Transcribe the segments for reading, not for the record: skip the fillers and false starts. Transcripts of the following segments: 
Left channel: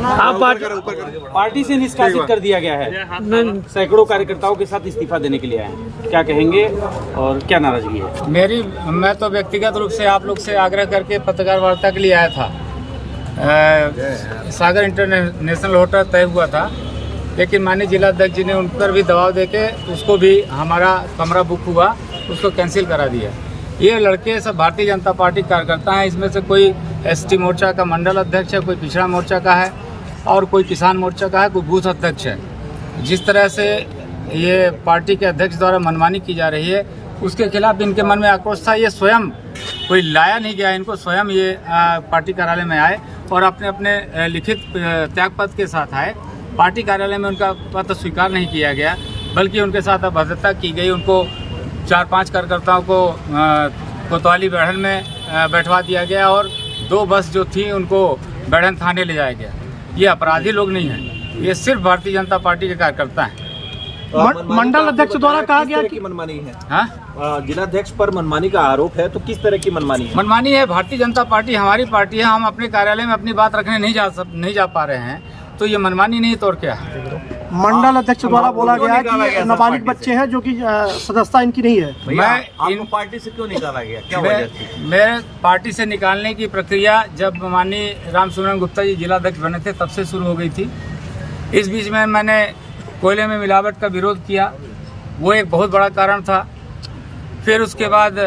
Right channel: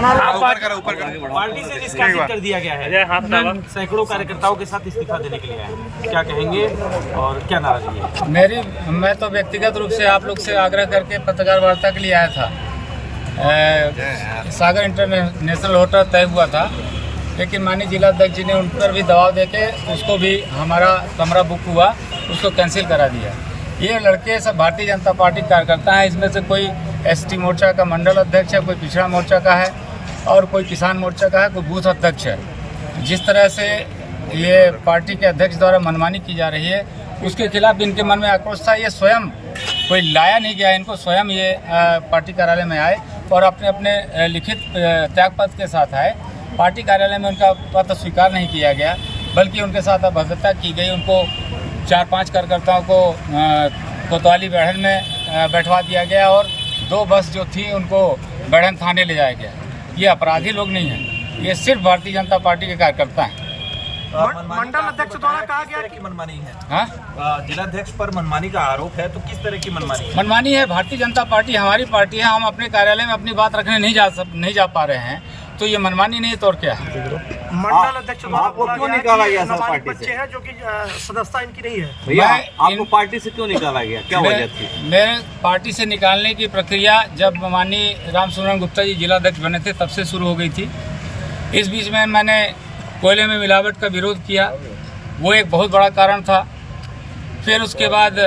Party से निष्कासित कर दिया गया है, सैकड़ों कार्यकर्ताओं के साथ इस्तीफा देने के लिए आए, क्या कहेंगे और क्या नाराजगी है? मैं तो व्यक्तिगत रूप से आप लोग से आग्रह करके पत्रकार वार्ता के लिए आया था। सागर इंटरनेशनल होटल तय हुआ था, लेकिन माननीय जिलाध्यक्ष जी ने उन पर भी दबाव देके उसको भी, हमारा कमरा बुक हुआ, उसको कैंसिल करा दिया। ये लड़के सब भारतीय जनता पार्टी कार्यकर्ता हैं। इसमें से कोई एसटी मोर्चा का मंडल अध्यक्ष है, कोई पिछड़ा मोर्चा का है और कोई किसान मोर्चा का है, कोई बूथ अध्यक्ष है। जिस तरह से ये पार्टी के अध्यक्ष द्वारा मनमानी की जा रही है, उसके खिलाफ इनके मन में आक्रोश था। ये स्वयं कोई लाया नहीं गया इनको, स्वयं ये पार्टी कार्यालय में आए और अपने अपने लिखित त्यागपत्र के साथ आए। पार्टी कार्यालय में उनका पत्र स्वीकार नहीं किया गया, बल्कि उनके साथ अभद्रता की गई। उनको 4-5 कार्यकर्ताओं को कोतवाली बैठन में बैठवा दिया गया और 2 बस जो थी उनको बैठन थाने ले जाया गया। ये अपराधी लोग नहीं हैं, ये सिर्फ भारतीय जनता पार्टी के कार्यकर्ता हैं। मंडल अध्यक्ष द्वारा कहा गया कि मनमानी है। हाँ, जिलाध्यक्ष पर मनमानी का आरोप है, तो किस तरह की मनमानी है? मनमानी है। भारतीय जनता पार्टी हमारी पार्टी है, हम अपने कार्यालय में अपनी बात रखने नहीं जा पा रहे हैं, तो ये मनमानी नहीं तो और क्या है? मंडल अध्यक्ष द्वारा बोला गया कि नाबालिग बच्चे हैं जो कि सदस्यता इनकी नहीं है। मैं इन पार्टी से क्यों निकाला गया, क्या वजह थी? मैं पार्टी से निकालने की प्रक्रिया जब माननीय रामसुब्रमण्यम गुप्ता जी जिलाध्यक्ष बने थे तब से शुरू हो गई थी। इस बीच में मैंने कोयले में मिलावट का विरोध किया, वो एक बहुत बड़ा कारण था। फिर उसके बाद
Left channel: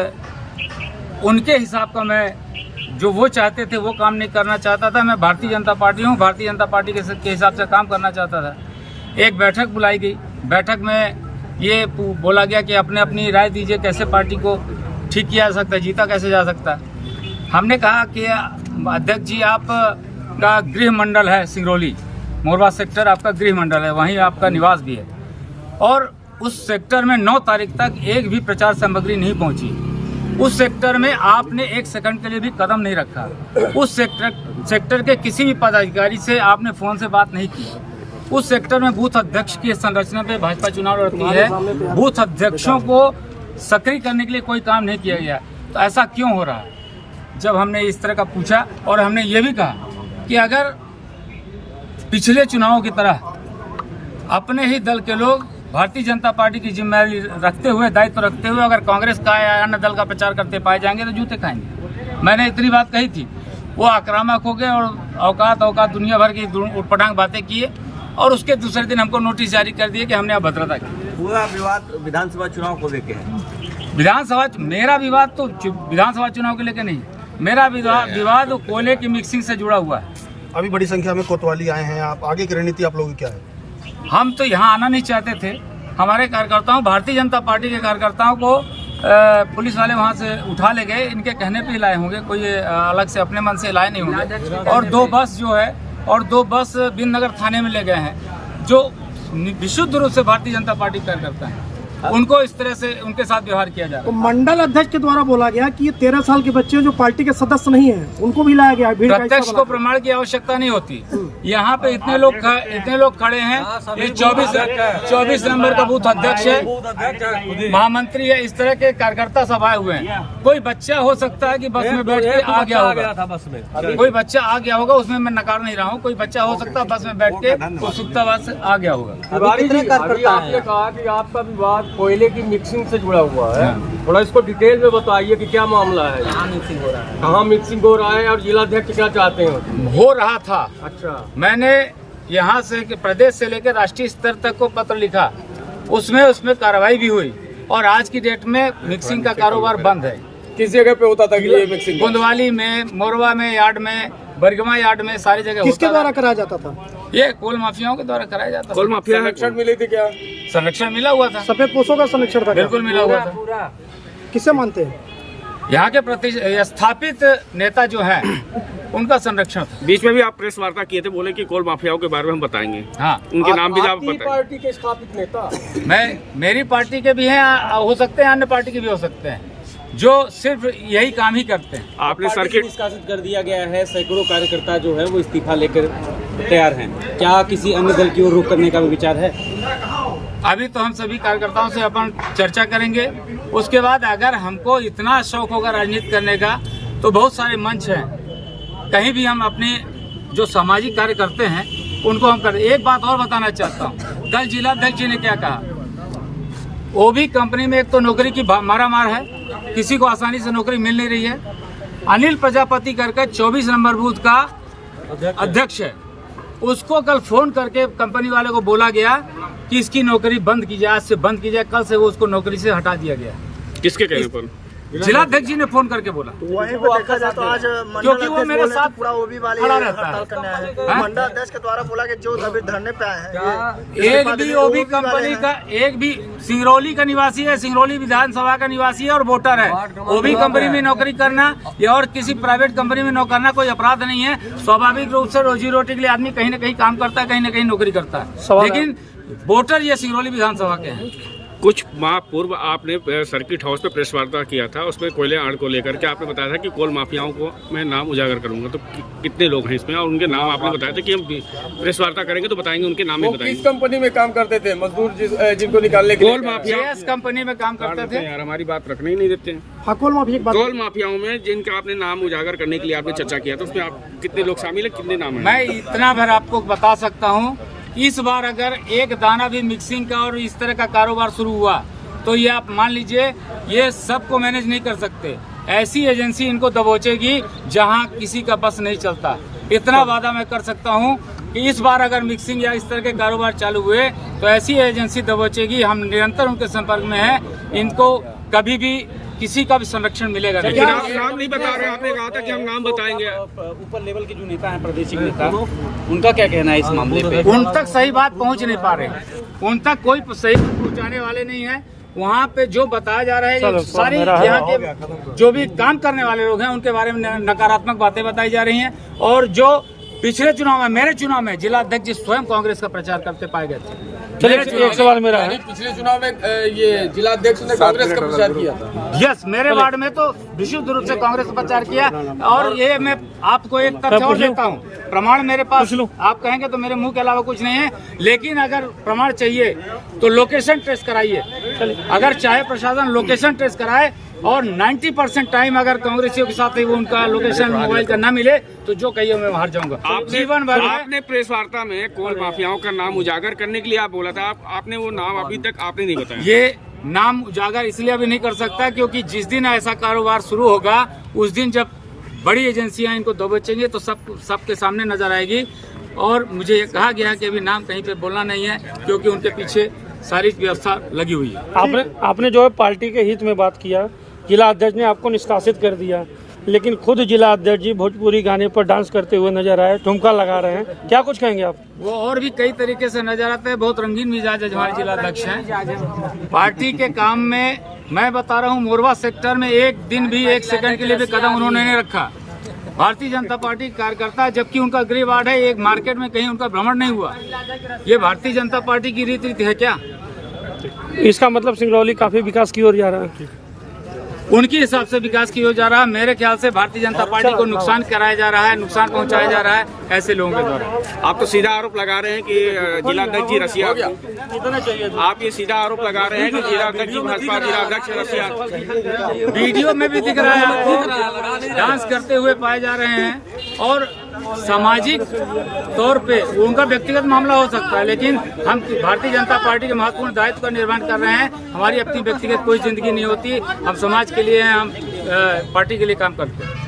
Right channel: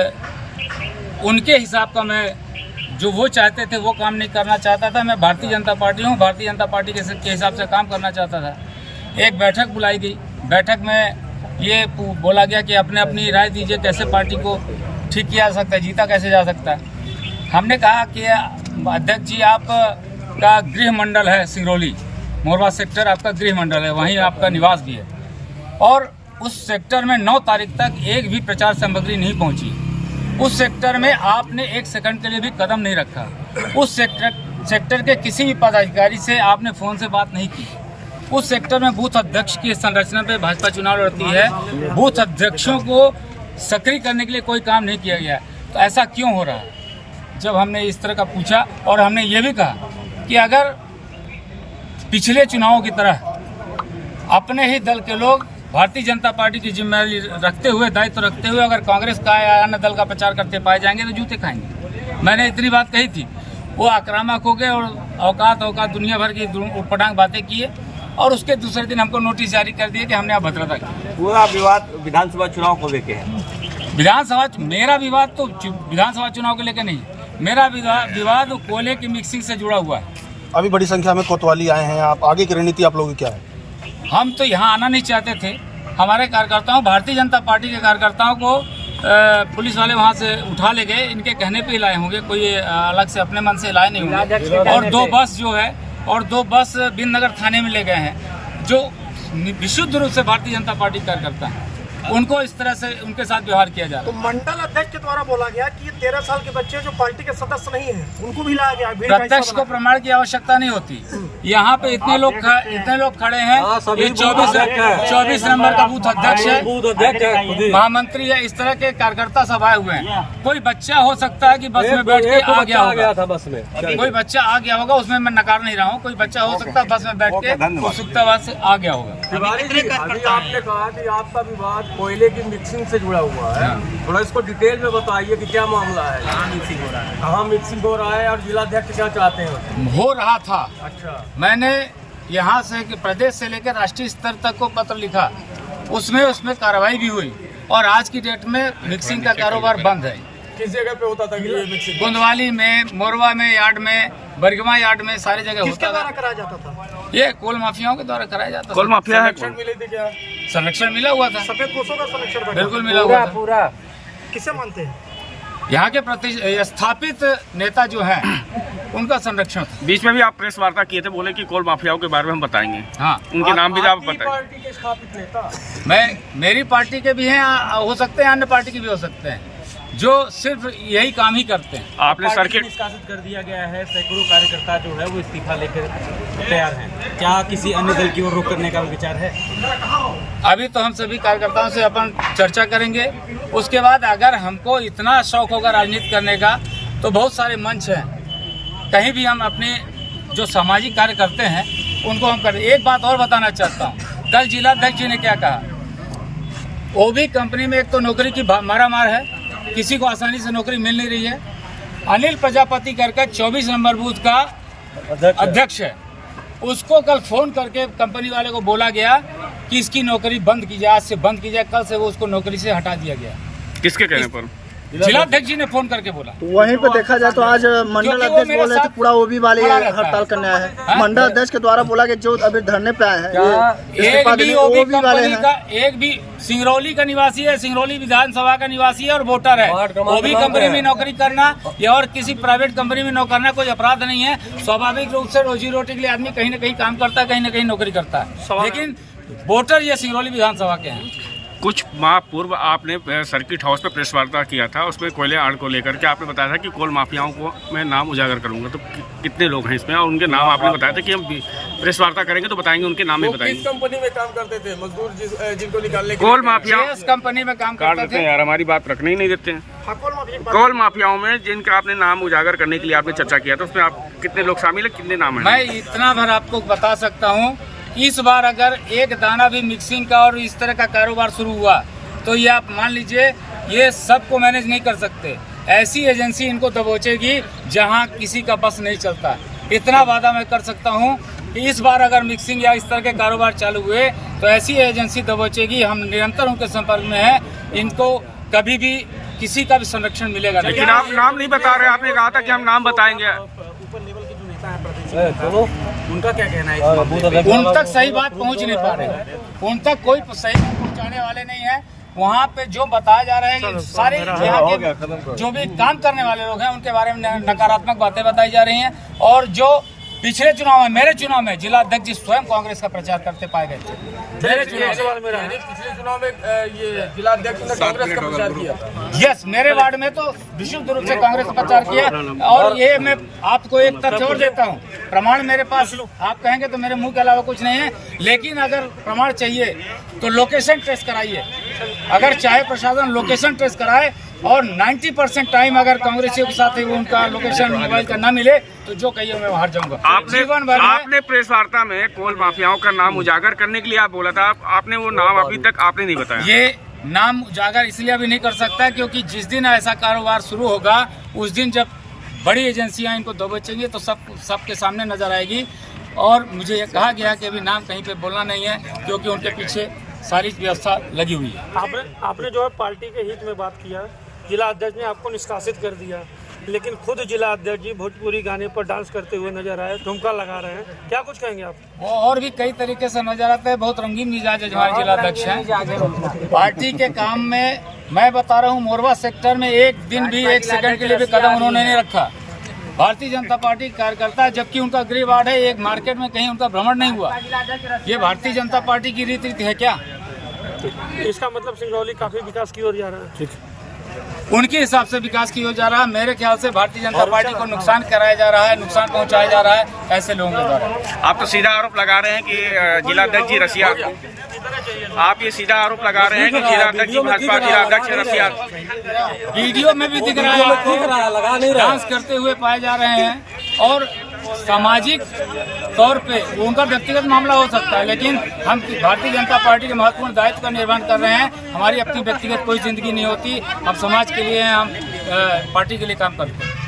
उनके हिसाब का मैं, जो वो चाहते थे वो काम नहीं करना चाहता था। मैं भारतीय जनता पार्टी हूँ, भारतीय जनता पार्टी के हिसाब से काम करना चाहता था। एक बैठक बुलाई गई, बैठक में ये बोला गया कि अपने अपनी राय दीजिए, कैसे पार्टी को ठीक किया जा सकता है, जीता कैसे जा सकता है। हमने कहा कि अध्यक्ष जी, आपका गृह मंडल है सिंगरौली, मोरवा सेक्टर आपका गृह मंडल है, वहीं आपका निवास भी है, और उस सेक्टर में 9 तारीख तक एक भी प्रचार सामग्री नहीं पहुंची। उस सेक्टर में आपने 1 सेकंड के लिए भी कदम नहीं रखा। उस सेक्टर के किसी भी पदाधिकारी से आपने फ़ोन से बात नहीं की। उस सेक्टर में बूथ अध्यक्ष की संरचना पे भाजपा चुनाव लड़ती है, बूथ अध्यक्षों को सक्रिय करने के लिए कोई काम नहीं किया गया। तो ऐसा क्यों हो रहा है? जब हमने इस तरह का पूछा और हमने ये भी कहा कि अगर पिछले चुनावों की तरह अपने ही दल के लोग भारतीय जनता पार्टी की जिम्मेदारी रखते हुए, दायित्व रखते हुए, अगर कांग्रेस का या अन्य दल का प्रचार करते पाए जाएंगे तो जूते खाएंगे। मैंने इतनी बात कही थी। वो आक्रामक हो गए और औकात दुनिया भर की उटपटांग बातें किए और उसके दूसरे दिन हमको नोटिस जारी कर दिए कि हमने अभद्रता की। पूरा विवाद विधानसभा चुनाव को लेके है। मेरा विवाद तो विधानसभा चुनाव को लेकर नहीं, मेरा विवाद कोयले की मिक्सिंग से जुड़ा हुआ है। अभी बड़ी संख्या में कोतवाली आए हैं, आप आगे की रणनीति आप लोगों की क्या है? हम तो यहाँ आना नहीं चाहते थे। हमारे कार्यकर्ताओं, भारतीय जनता पार्टी के कार्यकर्ताओं को पुलिस वाले वहाँ से उठा ले गए। इनके कहने पे ही लाए होंगे, कोई अलग से अपने मन से लाए नहीं होंगे। और 2 बस जो है, और 2 बस बिंदनगर थाने में ले गए हैं, जो विशुद्ध रूप से भारतीय जनता पार्टी कार्यकर्ता हैं। उनको इस तरह से उनके साथ व्यवहार किया जा रहा है। तो मंडल अध्यक्ष के द्वारा बोला गया कि ये 13 साल के बच्चे जो पार्टी के सदस्य नहीं हैं, उनको भी लाया गया। प्रत्यक्ष को प्रमाण की आवश्यकता नहीं होती। यहाँ पे इतने लोग खड़े हैं। ये 24 नंबर का बूथ अध्यक्ष है, महामंत्री है, इस तरह के कार्यकर्ता सब आए हुए हैं। कोई बच्चा हो सकता है कि बस में बैठ के आ गया होगा, कोई बच्चा आ गया होगा, उसमें मैं नकार नहीं रहा हूँ। कोई बच्चा हो सकता है बस में बैठ के उत्सुकतावाद से आ गया होगा। कितने कार्यकर्ता हैं? आपका विवाद कोयले की मिक्सिंग से जुड़ा हुआ है, थोड़ा इसको डिटेल में बताइए कि क्या मामला है, कहाँ मिक्सिंग हो रहा है और जिलाध्यक्ष क्या चाहते हैं? हो रहा था। अच्छा, मैंने यहाँ से प्रदेश से लेकर राष्ट्रीय स्तर तक को पत्र लिखा, उसमें कार्रवाई भी हुई और आज की डेट में मिक्सिंग का कारोबार बंद है। किस जगह पे होता था कि ये मिक्सिंग? गोंदवाली में, मोरवा में यार्ड में, बरगमा यार्ड में, सारी जगह होता था। किसके द्वारा कराया जाता था? ये कोल माफियाओं के द्वारा कराया जाता था। कोल माफिया है। संरक्षण मिली थी क्या? संरक्षण मिला हुआ था, सफेद पोषों का संरक्षण था, बिल्कुल मिला हुआ था। किसे मानते हैं? यहाँ के स्थापित नेता जो हैं उनका संरक्षण। बीच में भी आप प्रेस वार्ता किए थे, बोले कि कोल माफियाओं के बारे में हम बताएंगे। हाँ, उनके नाम भी आप बताएं। पार्टी के स्थापित नेता मेरी पार्टी के भी हैं, हो सकते हैं अन्य पार्टी के भी हो सकते हैं, जो सिर्फ यही काम ही करते हैं। आपने सर्किट निष्कासित कर दिया गया है, सैकड़ों कार्यकर्ता जो है वो इस्तीफा लेकर तैयार हैं। क्या किसी अन्य दल की ओर रुख करने का विचार है? अभी तो हम सभी कार्यकर्ताओं से अपन चर्चा करेंगे। उसके बाद अगर हमको इतना शौक होगा राजनीति करने का तो बहुत सारे मंच हैं, कहीं भी हम अपनी जो सामाजिक कार्य करते हैं उनको हम कर। एक बात और बताना चाहता हूँ, कल जिलाध्यक्ष जी ने क्या कहा, ओबी कंपनी में एक तो नौकरी की मारामार है, किसी को आसानी से नौकरी मिल नहीं रही है। अनिल प्रजापति करके 24 नंबर बूथ का अध्यक्ष है, उसको कल फोन करके कंपनी वाले को बोला गया कि इसकी नौकरी बंद की जाए, आज से बंद की जाए। कल से वो उसको नौकरी से हटा दिया गया। किसके कहने पर? जिलाध्यक्ष जी ने फोन करके बोला। वहीं पे देखा जाए तो आज क्योंकि वो मेरे साथ पूरा ओबी वाले हड़ताल करने आए हैं। मंडल अध्यक्ष के द्वारा बोला कि जो अभी धरने पे आए हैं, एक भी ओबी कंपनी का, एक भी सिंगरौली का निवासी है, सिंगरौली विधानसभा का निवासी है और वोटर है। ओबी कंपनी में नौकरी करना या और किसी प्राइवेट कंपनी में नौकरी करना कोई अपराध नहीं है। स्वाभाविक रूप से रोजी रोटी के लिए आदमी कहीं न कहीं काम करता है, कहीं न कहीं नौकरी करता है, लेकिन वोटर ये सिंगरौली विधानसभा के हैं। कुछ माह पूर्व आपने सर्किट हाउस पे प्रेस वार्ता किया था, उसमें कोयले आड़ को लेकर के आपने बताया था कि कोल माफियाओं को मैं नाम उजागर करूंगा। तो कितने लोग हैं इसमें और उनके नाम आपने बताया था कि हम प्रेस वार्ता करेंगे तो बताएंगे, उनके नाम भी बताएंगे। किस कंपनी में काम करते थे मजदूर जिनको निकालने कोल माफिया कंपनी में काम करते थे यार, हमारी बात रखने ही नहीं देते हैं। कोल माफियाओं में जिनका आपने नाम उजागर करने के लिए आपने चर्चा किया था, उसमें आप कितने लोग शामिल है, कितने नाम है? मैं इतना भर आपको बता सकता हूँ, इस बार अगर एक दाना भी मिक्सिंग का और इस तरह का कारोबार शुरू हुआ तो ये आप मान लीजिए ये सबको मैनेज नहीं कर सकते। ऐसी एजेंसी इनको दबोचेगी जहां किसी का बस नहीं चलता। इतना वादा मैं कर सकता हूं कि इस बार अगर मिक्सिंग या इस तरह के कारोबार चालू हुए तो ऐसी एजेंसी दबोचेगी। हम निरंतर उनके संपर्क में हैं, इनको कभी भी किसी का भी संरक्षण मिलेगा नहीं। लेकिन आप नाम नहीं बता रहे, आपने कहा था कि हम नाम बताएंगे। ऊपर लेवल के जो नेता हैं, प्रादेशिक नेता, उनका क्या कहना है इस मामले पे? उन तक सही बात पहुंच नहीं पा रहे, उन तक कोई सही बात पहुंचाने वाले नहीं है। वहाँ पे जो बताया जा रहा है कि सारे यहाँ के जो भी काम करने वाले लोग हैं उनके बारे में नकारात्मक बातें बताई जा रही हैं। और जो पिछले चुनाव में, मेरे चुनाव में जिला अध्यक्ष जी स्वयं कांग्रेस का प्रचार करते पाए गए थे। मेरे चुनाव में पिछले चुनाव में ये जिला अध्यक्ष ने कांग्रेस का प्रचार किया। यस, मेरे वार्ड में तो विशुद्ध रूप से कांग्रेस का प्रचार किया। और ये मैं आपको एक तथ्य और देता हूँ, प्रमाण मेरे पास, आप कहेंगे तो मेरे मुंह के अलावा कुछ नहीं है, लेकिन अगर प्रमाण चाहिए तो लोकेशन ट्रेस कराइए। अगर चाहे प्रशासन लोकेशन ट्रेस कराए और 90% टाइम अगर कांग्रेसियों के साथ ही वो उनका लोकेशन मोबाइल का ना मिले तो जो कहिए मैं बाहर जाऊंगा। आपने प्रेस वार्ता में कोल माफियाओं का नाम उजागर करने के लिए आप बोला था, आपने वो नाम अभी तक आपने नहीं बताया। ये नाम उजागर इसलिए अभी नहीं कर सकता क्योंकि जिस दिन ऐसा कारोबार शुरू होगा उस दिन जब बड़ी एजेंसियां इनको दबोचेंगी तो सबके सामने नजर आएगी। और मुझे ये कहा गया कि अभी नाम कहीं पे बोलना नहीं है क्योंकि उनके पीछे सारी व्यवस्था लगी हुई है। आपने जो है पार्टी के हित में बात किया, जिला अध्यक्ष ने आपको निष्कासित कर दिया, लेकिन खुद जिला अध्यक्ष जी भोजपुरी गाने पर डांस करते हुए नजर आए, ठुमका लगा रहे हैं, क्या कुछ कहेंगे आप? वो और भी कई तरीके से नजर आते हैं, बहुत रंगीन मिजाज है हमारे जिला अध्यक्ष हैं। पार्टी के काम में मैं बता रहा हूँ, मोरवा सेक्टर में एक दिन भी, एक सेकंड के लिए भी कदम उन्होंने नहीं रखा। भारतीय जनता पार्टी कार्यकर्ता, जबकि उनका गृह वार्ड है, एक मार्केट में कहीं उनका भ्रमण नहीं हुआ। ये भारतीय जनता पार्टी की रीति है क्या? इसका मतलब सिंगरौली काफी विकास की ओर जा रहा है। उनके हिसाब से विकास की ओर जा रहा है, मेरे ख्याल से भारतीय जनता पार्टी को नुकसान कराया जा रहा है, नुकसान पहुंचाया जा रहा है ऐसे लोगों के द्वारा। आप तो सीधा आरोप लगा रहे हैं कि जिला अध्यक्ष जी रसिया, आप ये सीधा आरोप लगा रहे हैं कि जिला अध्यक्ष जी भाजपा जिला अध्यक्ष रसिया। वीडियो में भी दिख रहा है आपको, डांस करते हुए पाए जा रहे हैं। और सामाजिक तौर पे उनका व्यक्तिगत मामला हो सकता है, लेकिन हम भारतीय जनता पार्टी के महत्वपूर्ण दायित्व का निर्वहन कर रहे हैं। हमारी अपनी व्यक्तिगत कोई जिंदगी नहीं होती, हम समाज के लिए हैं, हम पार्टी के लिए काम करते हैं।